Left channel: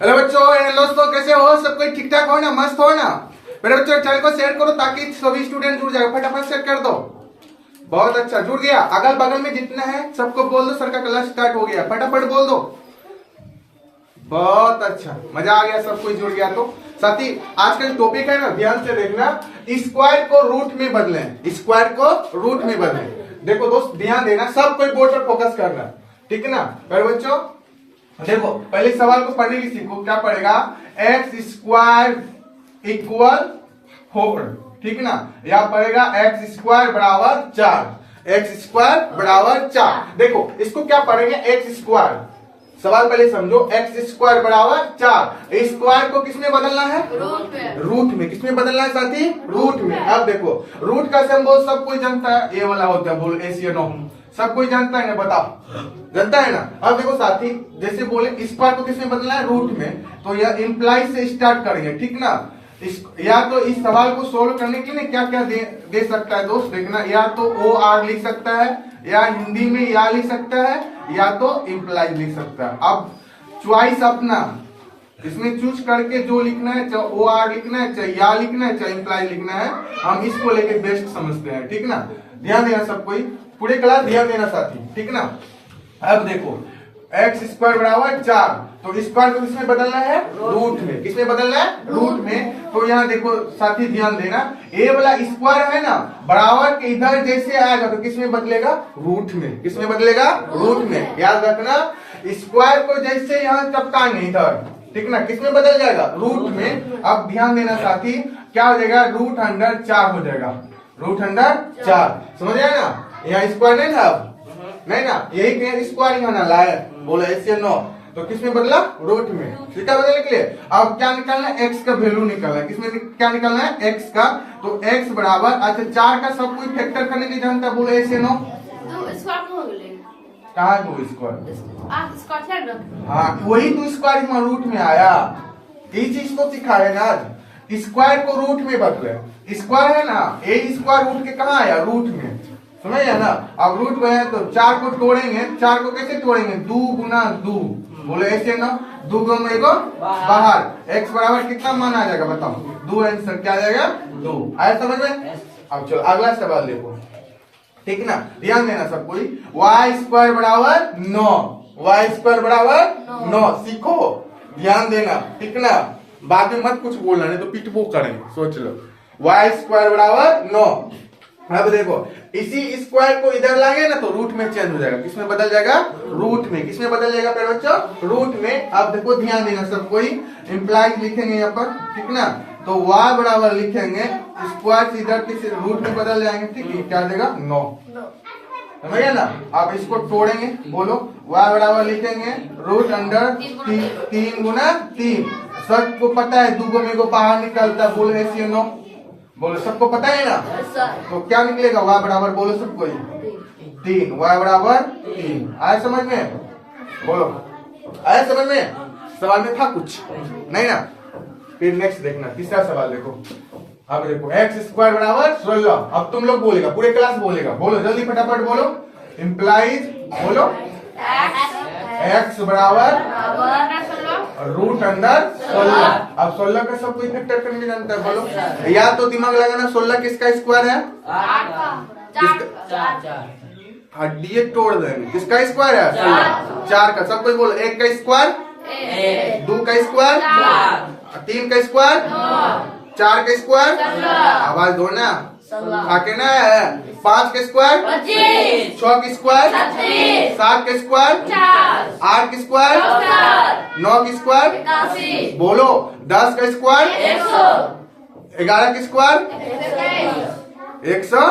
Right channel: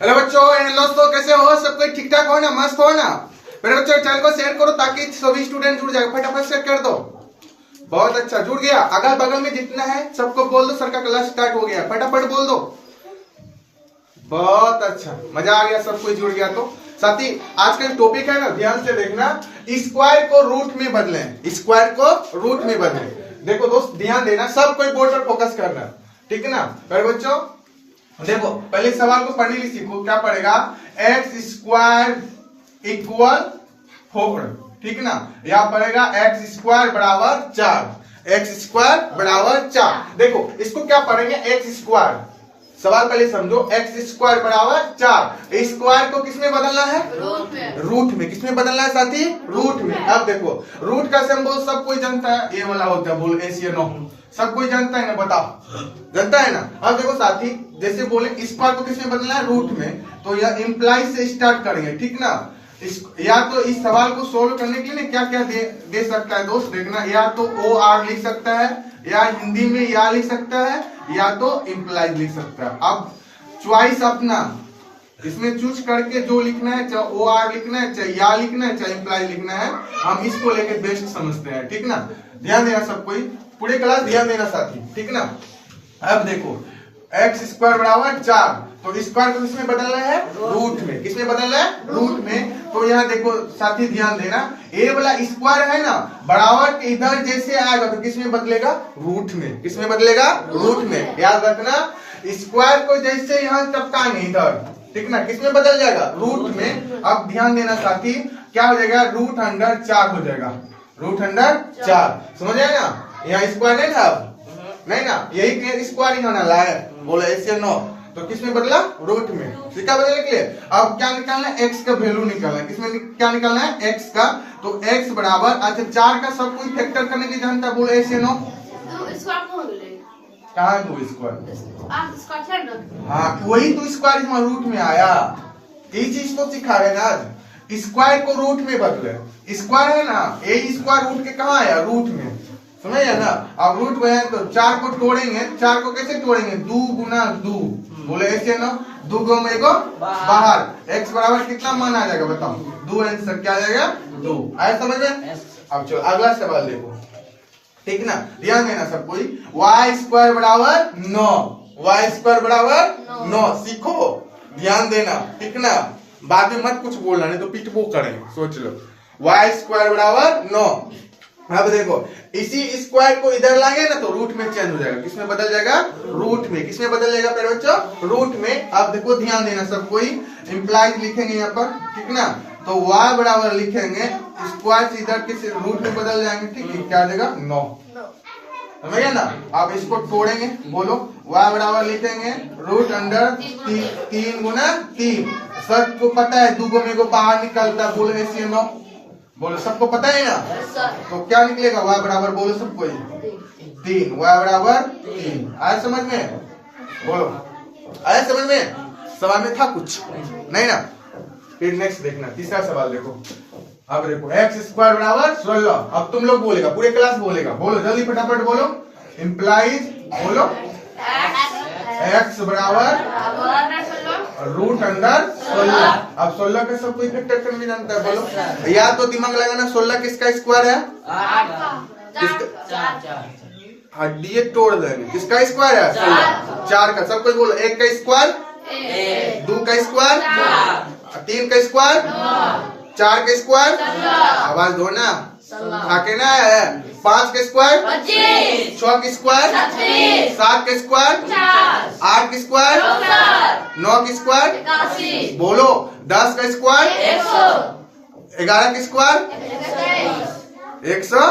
Hello बच्चों and दोस्तों, कैसे हो? सब कोई ठीक ठाक हो ना? मस्त हो ना? मेरे बच्चों चैनल को शेयर करो ताकि सभी स्टूडेंट जुड़ जाएगा। फटाफट शेयर कर दो। बहुत अच्छा, जुड़ गया। अगल बगल में जितना है सबको बोल दो सर का क्लास स्टार्ट हो गया। फटाफट बोल दो। बहुत अच्छा, मजा आ गया, सब कोई जुड़ गया। तो साथी आज का टॉपिक है ना, ध्यान से देखना। स्क्वायर को रूट में बदलें, स्क्वायर को रूट में बदलें। देखो दोस्त ध्यान देना, सब कोई बोर्ड पर फोकस करना, ठीक है ना? और बच्चों देखो पहले सवाल को पढ़ने की सीखो। क्या पढ़ेगा? एक्स स्क्वायर इक्वल 4, ठीक है ना? यहाँ पढ़ेगा एक्स स्क्वायर बराबर 4, एक्स स्क्वायर बराबर 4। देखो इसको क्या पढ़ेंगे? X square. सवाल पहले समझो। एक्स स्क्वायर बराबर 4, स्क्वायर को किसमें बदलना है? रूट में। किसमें बदलना है साथी? रूट में। अब देखो रूट का सिंबल सब कोई जानता है, ये वाला होता है। बोल एसियनो, सब कोई जानता है ना? बताओ, जानता है ना? अब देखो साथी, जैसे बोले स्क्वायर को किसमें बदलना है? रूट में। तो यह इंप्लाई से स्टार्ट करेंगे, ठीक ना? या तो इस सवाल को सोल्व करने के लिए क्या क्या दे सकता है दोस्त? देखना, या तो ओ आर लिख सकता है, या हिंदी में या लिख सकता है, या तो इंप्लाई लिख सकता है। अब चॉइस अपना, इसमें चूज करके जो लिखना है, चाहे ओ आर लिखना है, चाहे या लिखना है, चाहे इंप्लाई लिखना है, हम इसको लेके बेस्ट समझते हैं, ठीक ना? ध्यान देना सब कोई, पूरे क्लास ध्यान देना साथी, ठीक ना? अब देखो एक्स स्क्वायर बराबर 4, तो स्क्वायर को किसमें बदलना है? रूट में। किसमें बदलना है? रूट में। तो यहाँ देखो साथी ध्यान देना, ए वाला स्क्वायर है ना, बराबर के इधर जैसे आएगा तो किसमें बदलेगा? रूट में। किसमें बदलेगा? रूट में। याद रखना, स्क्वायर को जैसे यहाँ टपकाएंगे इधर, ठीक ना? किसमें बदल जाएगा? रूट में। अब ध्यान देना साथी, क्या हो जाएगा? रूट अंडर 4 हो जाएगा। रूट अंडर 4, समझ आया ना? यहाँ स्क्वायर नहीं था, नहीं ना? यही स्क्वायर यहाँ लाया, बोला ऐसे नो, तो किसमें बदला? रूट में। सीधा बदलने के लिए अब क्या निकालना है? एक्स का वैल्यू निकालना है। किसमें क्या निकालना है? एक्स का। तो एक्स बराबर, अच्छा 4 का सब कोई फैक्टर करने की जानता है, बोलो ऐसे नो। कहा है दो स्क्वायर? हाँ वही तो स्क्वायर यहाँ रूट में आया, यही चीज तो सिखा रहे ना आज। स्क्वायर को रूट में बदले। स्क्वायर है ना, ए स्क्वायर रूट के कहाँ आया? रूट में, समझ ना? अब रूट में है तो 4 को तोड़ेंगे। 4 को कैसे तोड़ेंगे? 2 गुना 2, बोले ऐसे ना, 2 गो में को बाहर। एक्स बराबर कितना मान आ जाएगा बताओ? 2 आंसर क्या आ जाएगा? 2। आया समझ में? अब चलो अगला सवाल देखो, ठीक ना? ध्यान देना सब कोई। वाई स्क्वायर बराबर 9, वाई स्क्वायर बराबर 9 सीखो, ध्यान देना, ठीक ना? बाद में मत कुछ बोलना, नहीं तो पिटबो करेंगे, सोच लो। वाई स्क्वायर बराबर 9। अब देखो इसी स्क्वायर को इधर लाएंगे ना तो रूट में चेंज हो जाएगा। किसमें बदल जाएगा? रूट में। किसमें बदल जाएगा प्यारे बच्चों? रूट में। अब देखो ध्यान देना सब कोई, इंप्लाई लिखेंगे यहाँ पर, ठीक ना? तो y बराबर लिखेंगे, स्क्वायर से इधर किस रूट में बदल जाएंगे, ठीक है? क्या देगा? 9, समझिए ना? अब इसको तोड़ेंगे, बोलो y बराबर लिखेंगे रूट अंडर 3 गुना 3। सबको पता है 2 गो में को बाहर निकलता, बोलो ऐसे 9, बोलो सबको पता है ना? तो क्या निकलेगा? y बराबर, बोलो सब कोई 3, y बराबर 3। आया समझ में? बोलो आया समझ में? सवाल में था कुछ नहीं ना? फिर नेक्स्ट देखना, तीसरा सवाल देखो। अब देखो एक्स स्क्वायर बराबर 16। अब तुम लोग बोलेगा, पूरे क्लास बोलेगा, बोलो जल्दी फटाफट बोलो। इंप्लाइज बोलो एक्स बराबर रूट अंडर 16। अब 16 का सब कोई फैक्टर करने जानता है, बोलो। या तो दिमाग लगाना, 16 किसका स्क्वायर है? हड्डी तोड़ देंगे। किसका स्क्वायर है? 4 का। सब कोई बोलो। 1 का स्क्वायर 2 का स्क्वायर 3 का स्क्वायर 4 का स्क्वायर, आवाज दो ना, आके ना है। 5 का स्क्वायर 6 का स्क्वायर 7 का स्क्वायर 8 का स्क्वायर 9 का स्क्वायर, बोलो 10 का स्क्वायर 11 का स्क्वायर 100,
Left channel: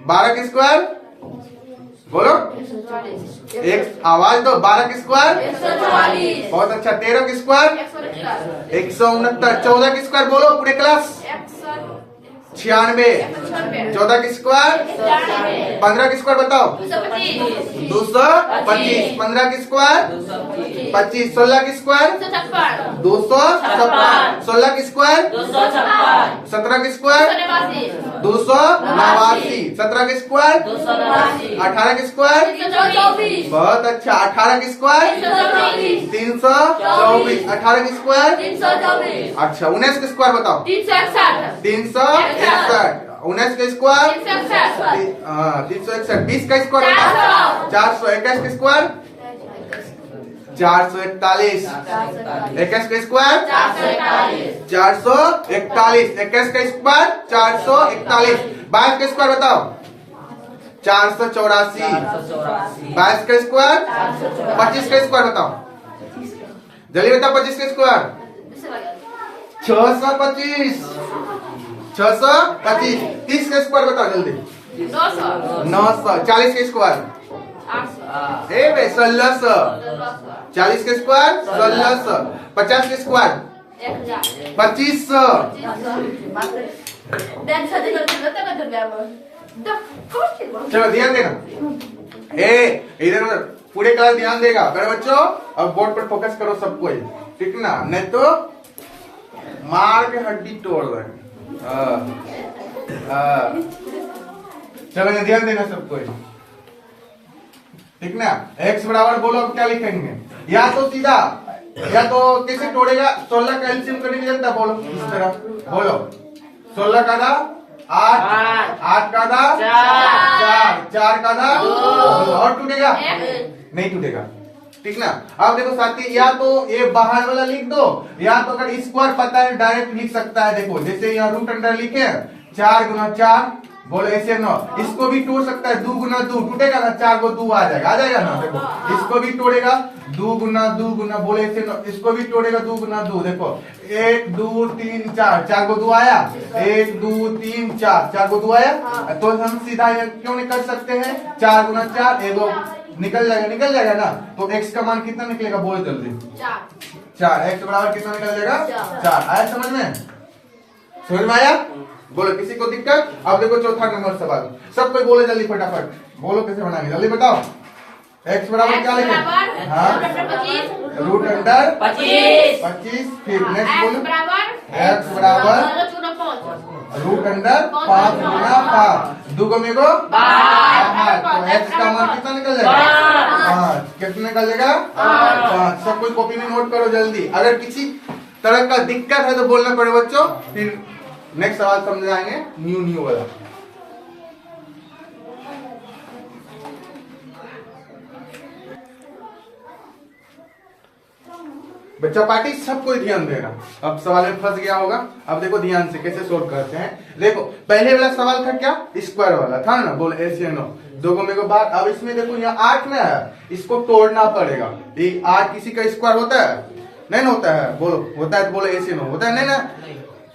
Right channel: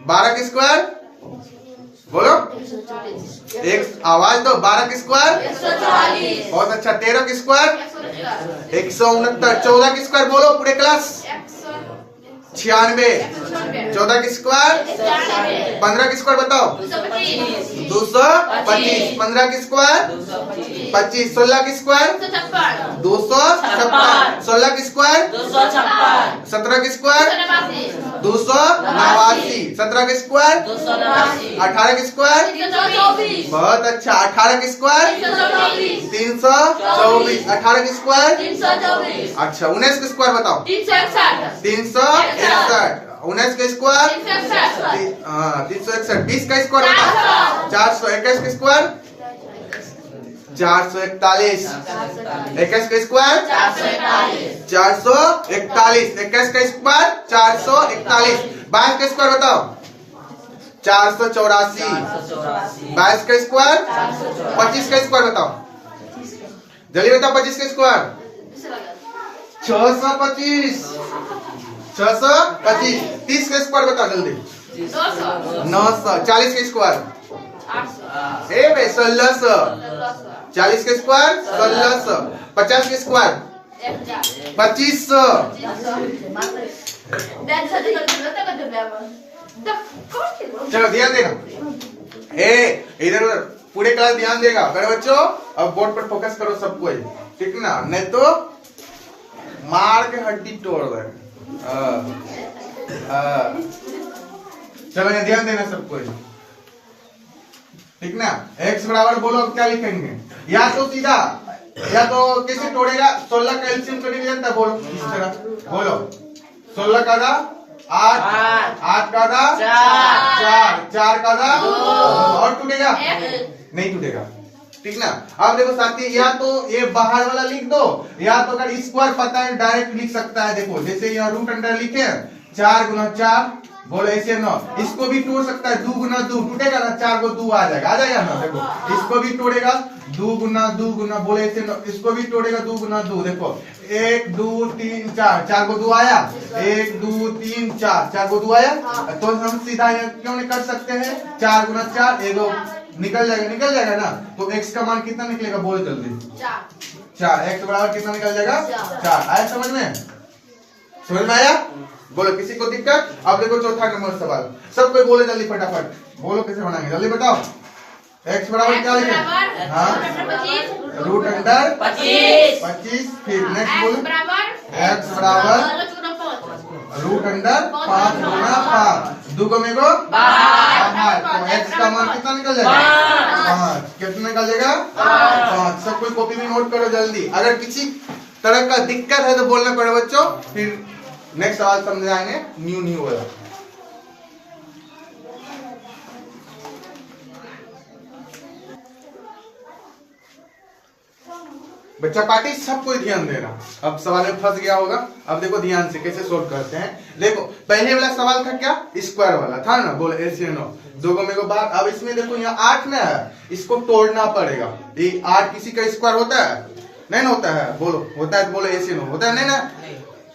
12 का स्क्वायर, बोलो एक आवाज दो। 12 का स्क्वायर, बहुत अच्छा। 13 का स्क्वायर 169। 14 का स्क्वायर, बोलो पूरे क्लास 96। 14 का स्क्वायर 15 का स्क्वायर बताओ 225 15 का स्क्वायर 25 16 का स्क्वायर 256 16 का स्क्वायर 17 का स्क्वायर 289 17 का स्क्वायर 18 का स्क्वायर बहुत अच्छा 18 का स्क्वायर 324 18 का स्क्वायर अच्छा 19 का स्क्वायर बताओ 361 19 का स्क्वायर 361 20 का स्क्वायर बताओ 421 का स्क्वायर 441 21 का स्क्वायर 441 21 का स्क्वायर 441 22 का स्क्वायर बताओ 484 22 का स्क्वायर 25 का स्क्वायर बताओ जल्दी बताओ 25 का स्क्वायर 625 625 30 का स्क्वायर बताओ जल्दी 900 40 का स्क्वायर 1600 40 का स्क्वायर 1600 50 का स्क्वायर 2500 चलो ध्यान देना इधर पूरे क्लास ध्यान देगा करो बच्चों अब बोर्ड पर फोकस करो सब कोई ठीक ना नहीं तो मार के हड्डी तोड़ रहे चलो ध्यान देना सब कोई ठीक ना x बराबर बोलो क्या लिखेंगे या तो सीधा या तो कैसे तोड़ेगा 16 का एलसीएम करने की जनता बोलो इस तरह बोलो 16 का था 8 8 का था 4 4 का था और टूटेगा नहीं टूटेगा ठीक ना अब देखो साथी या तो ये बाहर वाला लिख दो या तो अगर स्क्वायर पता है डायरेक्ट लिख सकता है देखो जैसे यहाँ रूट अंडर लिखे 4 गुना 4 बोलो ऐसे 9 इसको भी तोड़ सकता है 2 गुना 2 टूटेगा ना 4 को 2 आ जाएगा ना देखो इसको भी तोड़ेगा 2 गुना बोले ऐसे 9 इसको भी तोड़ेगा 2 गुना 2 देखो 1 2 3 4 4 को 2 आया 1 2 3 4 4 को 2 आया तो हम सीधा क्यों नहीं कर सकते हैं 4 गुना 4 एगो निकल जाएगा ना तो x का मान कितना निकलेगा बोल जल्दी 4 x बराबर कितना निकल जाएगा 4 आया समझ में आया बोलो किसी को दिक्कत अब देखो चौथा नंबर सवाल सब कोई बोले जल्दी फटाफट बोलो कैसे बनाएंगे जल्दी बताओ x बराबर क्या लिखे हाँ रूट अंडर 25 फिर नेक्स्ट बोलो x बराबर रूट अंडर 5 गुना 5 दो में को 5 तो x का मान कितना निकल जाएगा 5 कितना निकल जाएगा 5 सब कोई कॉपी में नोट करो जल्दी अगर किसी तरह का दिक्कत है तो बोलना पड़े बच्चों फिर नेक्स्ट सवाल समझाएंगे न्यू वाला बच्चा पार्टी सब कोई ध्यान देना अब सवाल में फंस गया होगा अब देखो ध्यान से कैसे सोल्व करते हैं देखो पहले वाला सवाल था क्या स्क्वायर वाला था ना बोलो ऐसे नो दो को मेरे को बात अब इसमें देखो यहाँ 8 में है इसको तोड़ना पड़ेगा ये 8 किसी का स्क्वायर होता है नहीं ना होता है बोलो होता है तो बोलो ऐसे नो होता है नहीं ना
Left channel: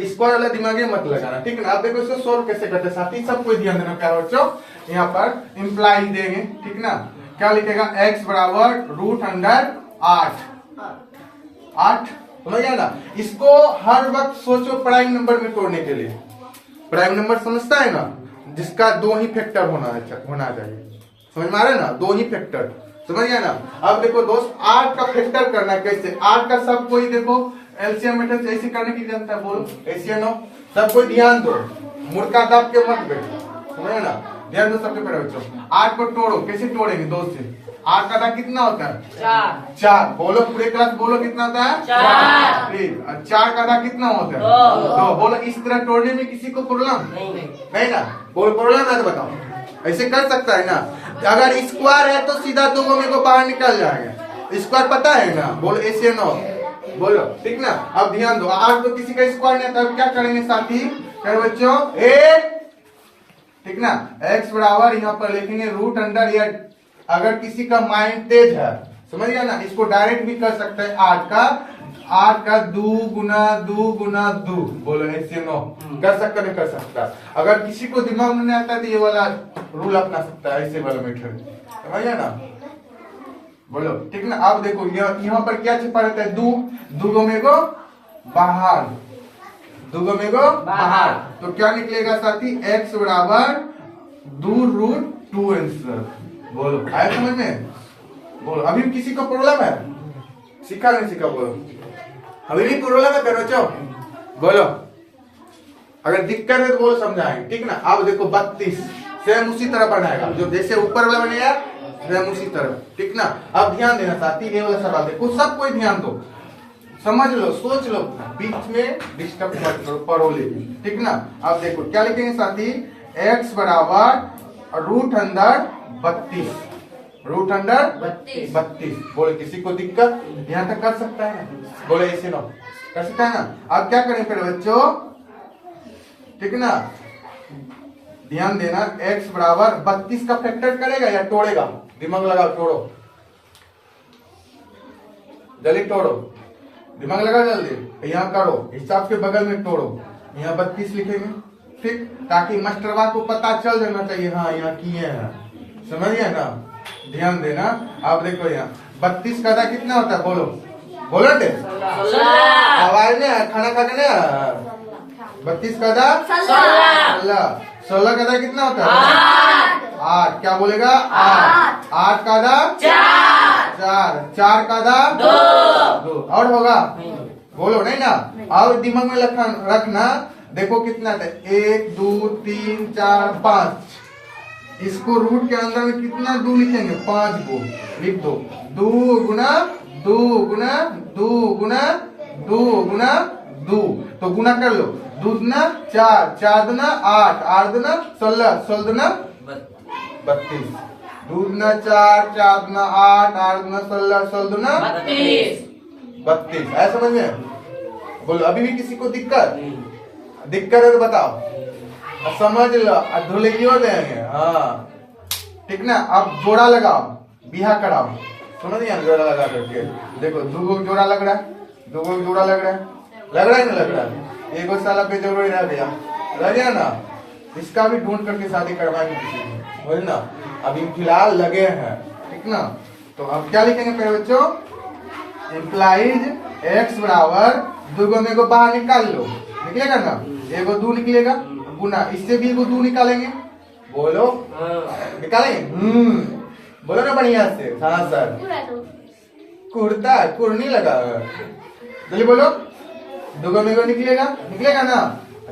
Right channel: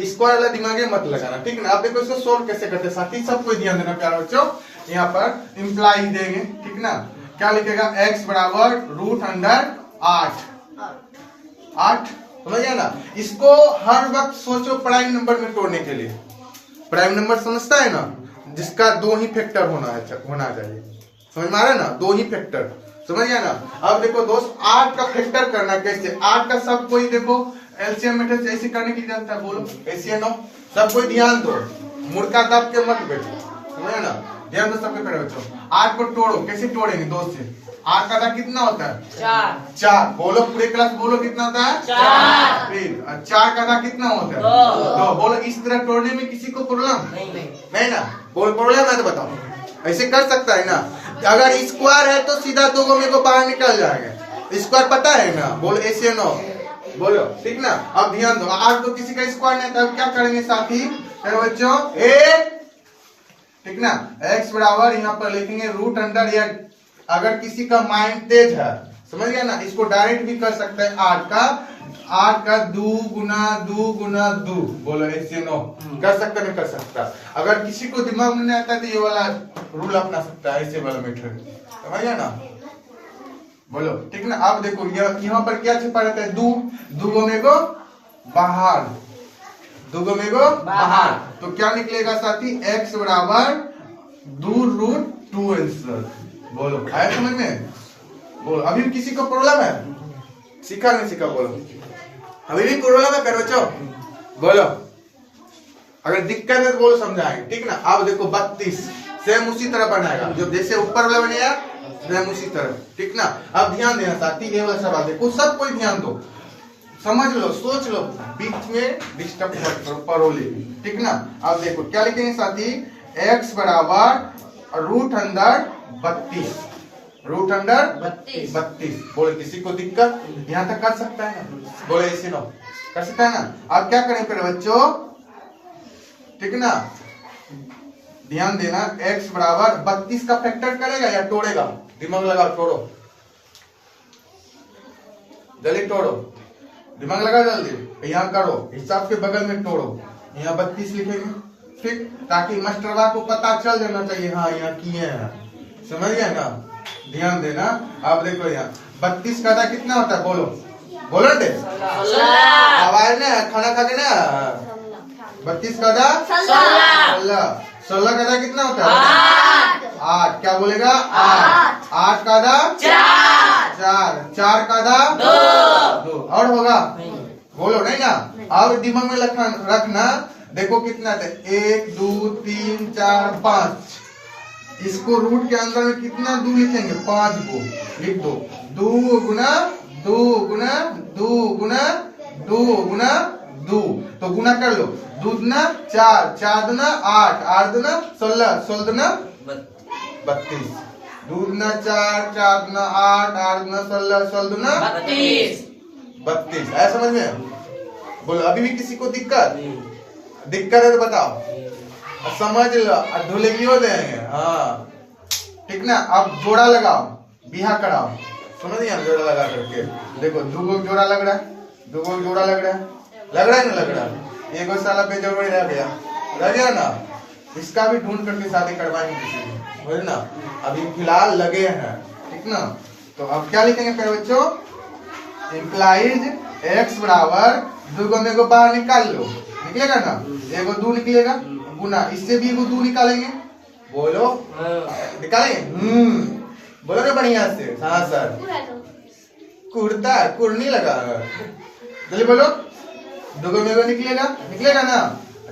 स्क्वायर वाला दिमाग मत लगाना ठीक है ना अब देखो इसको सोल्व कैसे करते हैं साथ ही सब कोई ध्यान देना प्यारे बच्चों यहाँ पर इम्प्लाई देंगे ठीक ना क्या लिखेगा x बराबर रूट अंडर 8 समझ गया ना इसको हर वक्त सोचो प्राइम नंबर में तोड़ने के लिए प्राइम नंबर समझता है ना जिसका 2 ही फैक्टर होना चाहिए समझ में आ रहा है ना 2 ही फैक्टर समझ गया ना अब देखो दोस्त 8 का फैक्टर करना कैसे 8 का सब कोई देखो एलसीएम मेथड से ऐसे करने की जानता है बोलो ऐसे नो सब कोई ध्यान दो मुर्गा दब के मत बैठो समझ ना ध्यान दो सबके पहले बच्चों 8 को तोड़ो कैसे तोड़ेंगे 2 से 8 का कितना होता है 4 बोलो पूरे क्लास बोलो कितना होता है 4 फिर 4 का कितना होता है 2 बोलो इस तरह तोड़ने में किसी को प्रॉब्लम नहीं ना बोलो प्रॉब्लम है तो बताओ ऐसे कर सकता है ना अगर स्क्वायर है तो सीधा 2 मेरे को बाहर निकल जाएगा स्क्वायर पता है ना बोलो ऐसे नो बोलो ठीक ना अब ध्यान दो 8 तो किसी का स्क्वायर नहीं तब क्या करेंगे साथी बच्चों ठीक ना x बराबर यहाँ पर लिखेंगे रूट अंडर या अगर किसी का माइंड तेज है समझ गया ना इसको डायरेक्ट भी कर सकते हैं 8 का 2 गुना 2 बोलो ऐसे नो कर सकता नहीं कर सकता अगर किसी को दिमाग में नहीं आता तो ये वाला रूल अपना सकता है ऐसे वाला मेथड समझ गया ना बोलो ठीक ना अब देखो यहाँ पर क्या छिपा रहता है 2 को मेरे को बाहर दुगो में गो बाहर। तो क्या निकलेगा साथी, x बराबर 2√2 आंसर। बोलो आया समझ में? बोलो अभी किसी को प्रॉब्लम है? सीखा नहीं सीखा? बोलो अभी भी प्रॉब्लम है करो चो? बोलो अगर दिक्कत है तो बोलो समझाएंगे, ठीक ना। अब देखो 32 सेम उसी तरह बनाएगा जो जैसे ऊपर वाला बनाया सेम उसी तरह, ठीक ना। अब ध्यान देना साथी, ये वाला सवाल देखो, सब कोई ध्यान दो, समझ लो, सोच लो, बीच में डिस्टर्ब मत करो, पढ़ो लेकिन, ठीक ना। अब देखो क्या लिखेंगे साथी, x बराबर रूट अंडर 32, रूट अंडर 32। बोले किसी को दिक्कत यहाँ तक कर सकता है ना? बोले इसे लो कर सकता है ना। अब क्या करें फिर बच्चों, ठीक ना, ध्यान देना, x बराबर 32 का फैक्टर करेगा या तोड़ेगा? दिमाग लगाओ, तोड़ो जल्दी, तोड़ो दिमाग लगा जल्दी, यहाँ करो हिसाब के बगल में तोड़ो, यहाँ 32 लिखेंगे, ठीक, ताकि मास्टरवा को पता चल जाना चाहिए हाँ यहाँ किए हैं, समझ गया ना। ध्यान देना। आप देखो यहाँ 32 का कितना होता है, बोलो बोलो दे, आवाज ना, खाना खाते ना, 32 का 16, 16 का कितना होता है 8, क्या बोलेगा 8 का 4, 4 का 2 और होगा, बोलो नहीं ना। और दिमाग में रखना, देखो कितना था, 1 2 3 4 5, इसको रूट के अंदर में कितना 2 लिखेंगे, 5 को लिख दो, 2 गुना 2 गुना 2 गुना 2 गुना 2, तो गुना कर लो, 2 दुना 4, 4 दुना 8, 8 दुना 16, 16 दुना 32, 2 दुना 4, 4 दुना 8, 8 दुना 16, 16 दुना 32। ऐसा समझ में? बोलो अभी भी किसी को दिक्कत है तो बताओ, समझ लो, धुलगियो देंगे, हाँ ठीक ना। अब जोड़ा लगाओ, बिहा कराओ, समझ गया, जोड़ा लगा करके देखो, 2 जोड़ा लग रहा है, 2 जोड़ा लग रहा है, लग रहा है ना, लग रहा है, एक साला पे जरूरी रह गया ना, इसका भी ढूंढ करके शादी करवाएंगे किसी को, ना। अभी फिलहाल लगे हैं, ठीक ना। तो अब क्या लिखेंगे पहले बच्चों, इम्प्लाइज x बराबर 2 में को बाहर निकाल लो, निकलेगा ना, 1 2 निकलेगा, गुना इससे भी 2 निकालेंगे, बोलो निकालेंगे, बोलो ना बढ़िया से, हाँ सर, कुर्ता कुर्नी लगा, जल्दी बोलो, 2 में को निकलेगा ना,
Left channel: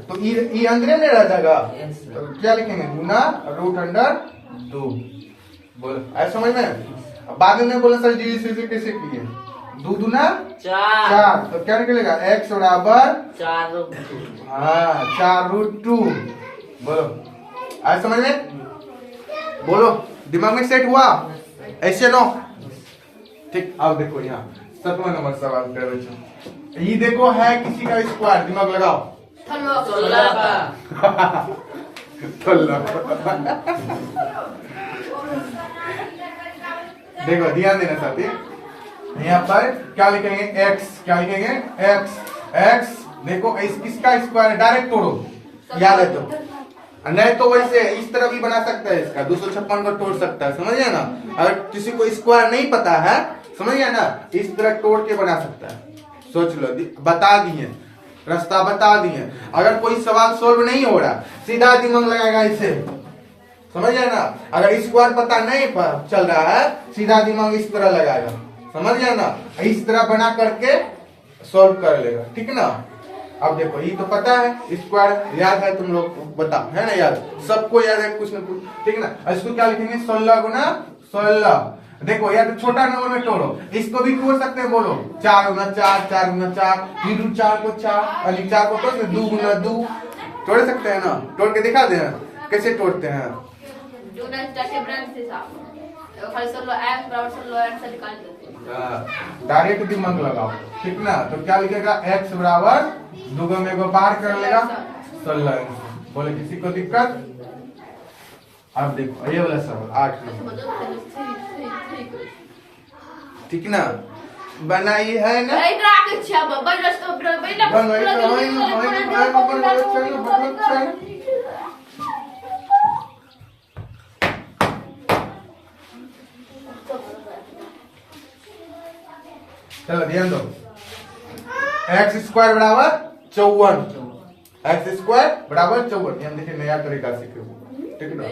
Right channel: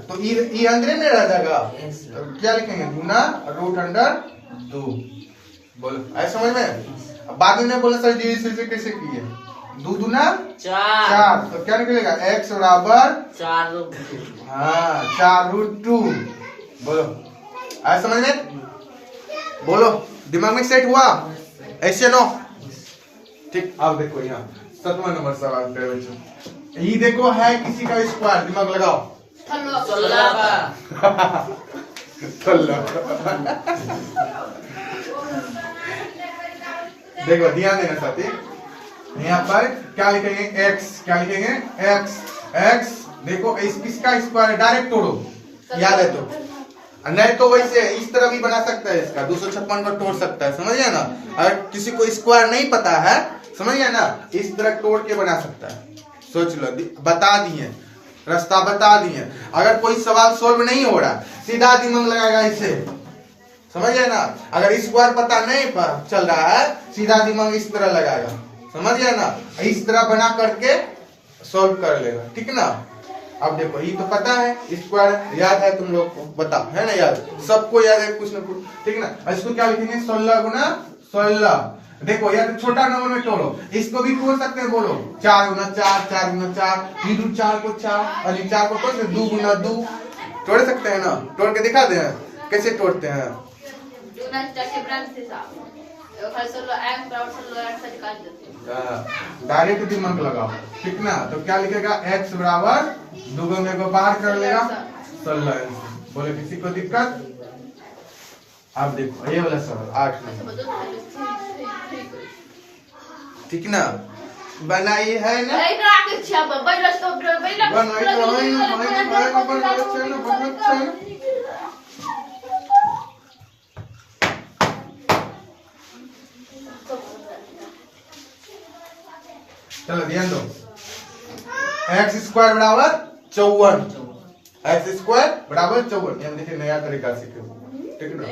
तो ये अंदर में रह जाएगा, तो क्या लिखेंगे, गुना रूट अंडर 2, बोलो ऐसा समझ में। बाद में बोला सर जी इसे कैसे किए, 2 दूना 4, तो क्या निकलेगा, x बराबर 4√2, बोलो ऐसा समझ में, बोलो दिमाग में सेट हुआ, ऐसे नो, ठीक। अब देखो यहाँ 7वां नंबर सवाल पे बच्चों, ये देखो है किसी का स्क्वायर, दिमाग लगाओ, 16 देखो ध्यान देना साथी, यहाँ पर क्या लिखेंगे, x, क्या लिखेंगे x देखो किसका स्क्वायर है, डायरेक्ट तोड़ो, याद है तो, नहीं तो वैसे इस तरह भी बना सकता है, इसका 256 को तोड़ सकता है, समझ गया ना। अगर किसी को स्क्वायर नहीं पता है, समझ गया ना, इस तरह तोड़ के बना सकता है, सोच लो, बता दिए, रास्ता बता दिए। अगर कोई सवाल सोल्व नहीं हो रहा, सीधा दिमाग लगाएगा इसे, समझ गया ना। अगर स्क्वायर पता नहीं चल रहा है, सीधा दिमाग इस तरह लगाएगा, समझ गया ना, इस तरह बना करके सॉल्व कर लेगा, ठीक ना। अब देखो ये तो पता है, स्क्वायर याद है तुम लोग को, बताओ है ना, याद सबको याद है कुछ ना कुछ, ठीक ना। इसको क्या लिखेंगे, 16 गुना 16, देखो या तो छोटा नंबर में तोड़ो, इसको भी तोड़ सकते हैं, बोलो 4 गुना 4, 4 गुना 4, 4 को 4 और 4 को तोड़ 2 गुना 2, तोड़ सकते हैं ना, तोड़ के दिखा दे कैसे तोड़ते हैं। डायरेक्ट दिमाग लगाओ, ठीक ना। तो क्या लिखेगा, x बराबर 2 में को बाहर कर लेगा 16, बोले किसी को दिक्कत। आप देखो ये वाला सवाल 8 नंबर, ठीक ना, बनाई है ना, चलो ध्यान दो, x स्क्वायर बराबर 54, एक्स स्क्वायर बराबर 54, हम देखिए नया तरीका सीखे, ठीक ना।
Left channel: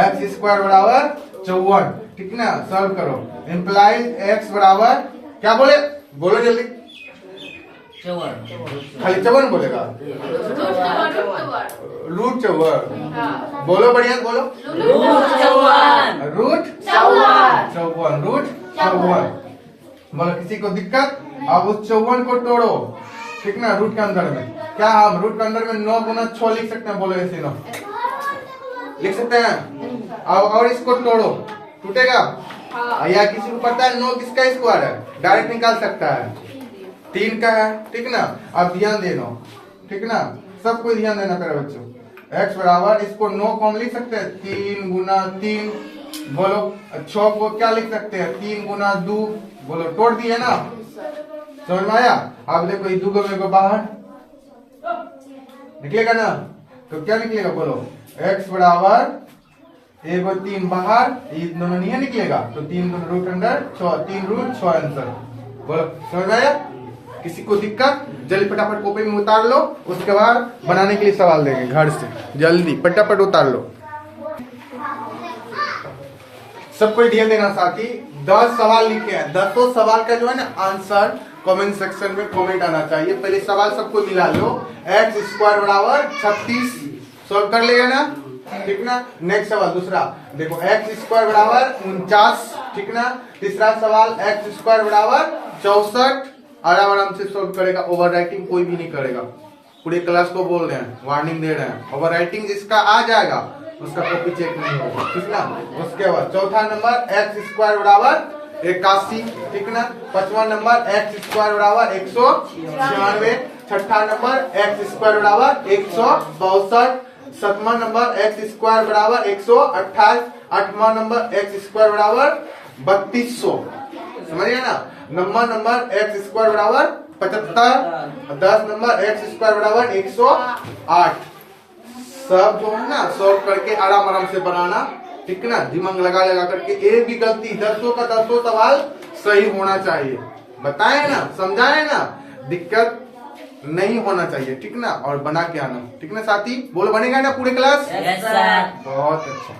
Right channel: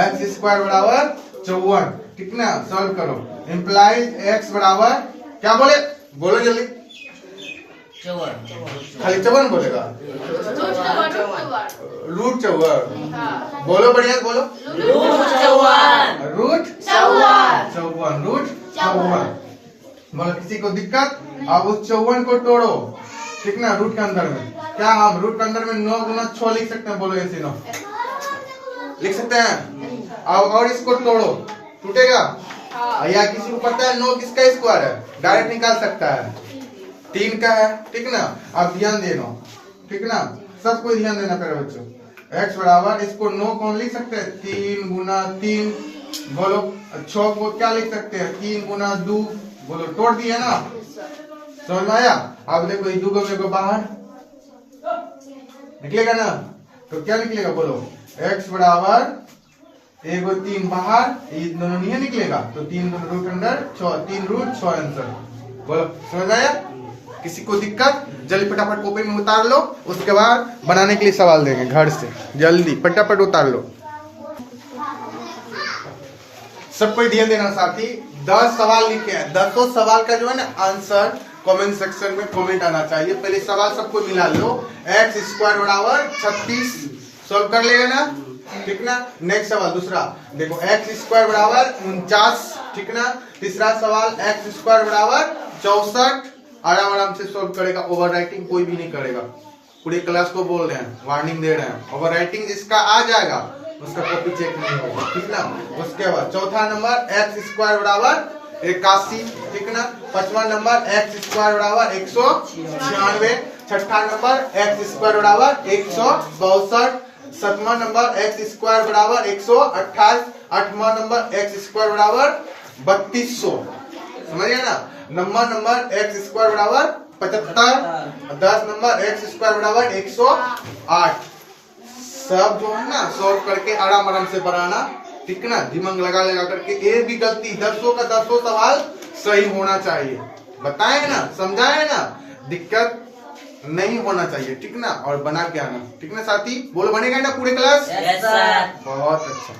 एक्स स्क्वायर बराबर 54, ठीक ना। सॉल्व करो, इंप्लाइज एक्स बराबर क्या बोले, बोलो जल्दी, 54, खाली 54 बोलेगा, रूट 54, बोलो बढ़िया बोलो, रूट 54, रूट 54। बोलो किसी को दिक्कत, अब उस 54 को तोड़ो, ठीक ना। रूट के अंदर में क्या, हम रूट के अंदर में 9 गुना 6 लिख सकते हैं, बोलो ऐसे 9 लिख सकते हैं। और इसको तोड़ो, टूटेगा। या किसी को पता है 9 किसका स्क्वायर है, डायरेक्ट निकाल सकता है, 3 का है, ठीक ना। अब ध्यान देना, ठीक ना, सबको ध्यान देना प्यारे बच्चों। x बराबर, इसको 9 को हम लिख सकते हैं 3 गुना 3, बोलो 6 को क्या लिख सकते हैं 3 गुना 2, बोलो तोड़ दिए ना, समझ में आया। अब देखो ये 2 को बाहर निकलेगा ना, तो क्या निकलेगा बोलो, x बराबर 1 और 3 बाहर, ये दोनों नहीं निकलेगा, तो 3 दोनों रूट अंदर 6, 3 रूट 6 आंसर, बोलो समझ आया। किसी को दिक्कत, जल्दी फटाफट कॉपी में उतार लो, उसके बाद बनाने के लिए सवाल देंगे घर से, जल्दी फटाफट उतार लो। सबको ध्यान देना साथी, 10 सवाल लिखे हैं, 10 सवाल का जो है ना आंसर कमेंट सेक्शन में कमेंट आना चाहिए। पहले सवाल सबको मिला लो, एक्स स्क्वायर बराबर 36 सॉल्व कर लेगा ना, ठीक ना। नेक्स्ट सवाल दूसरा देखो, एक्स स्क्वायर बराबर 49, ठीक ना। तीसरा सवाल एक्स स्क्वायर बराबर 64, आराम से सॉल्व करेगा, ओवर राइटिंग कोई भी नहीं करेगा, पूरे क्लास को बोल रहे हैं, वार्निंग दे रहे हैं, ओवर राइटिंग जिसका आ जाएगा उसका कॉपी चेक नहीं होगा, ठीक ना। उसके बाद चौथा नंबर एक्स स्क्वायर बराबर 81, ठीक ना। 5वां नंबर एक्स स्क्वायर बराबर 196, छठा नंबर एक्स स्क्वायर बराबर 162, 7वां नंबर एक्स स्क्वायर बराबर 128, 8वां नंबर एक्स स्क्वायर बराबर 3200, समझिए ना। 9वां नंबर एक्स स्क्वायर बराबर 75, 10 नंबर एक्स स्क्वायर बराबर 108। सब जो है ना सॉल्व करके आराम से बनाना, ठीक ना, दिमाग लगा करके। एक भी गलती, 10 का 10 सवाल सही होना चाहिए, बताए ना, समझाए ना, दिक्कत नहीं होना चाहिए, ठीक ना। और बना के आना, ठीक ना साथी, बोल बनेगा ना पूरे क्लास, बहुत अच्छा।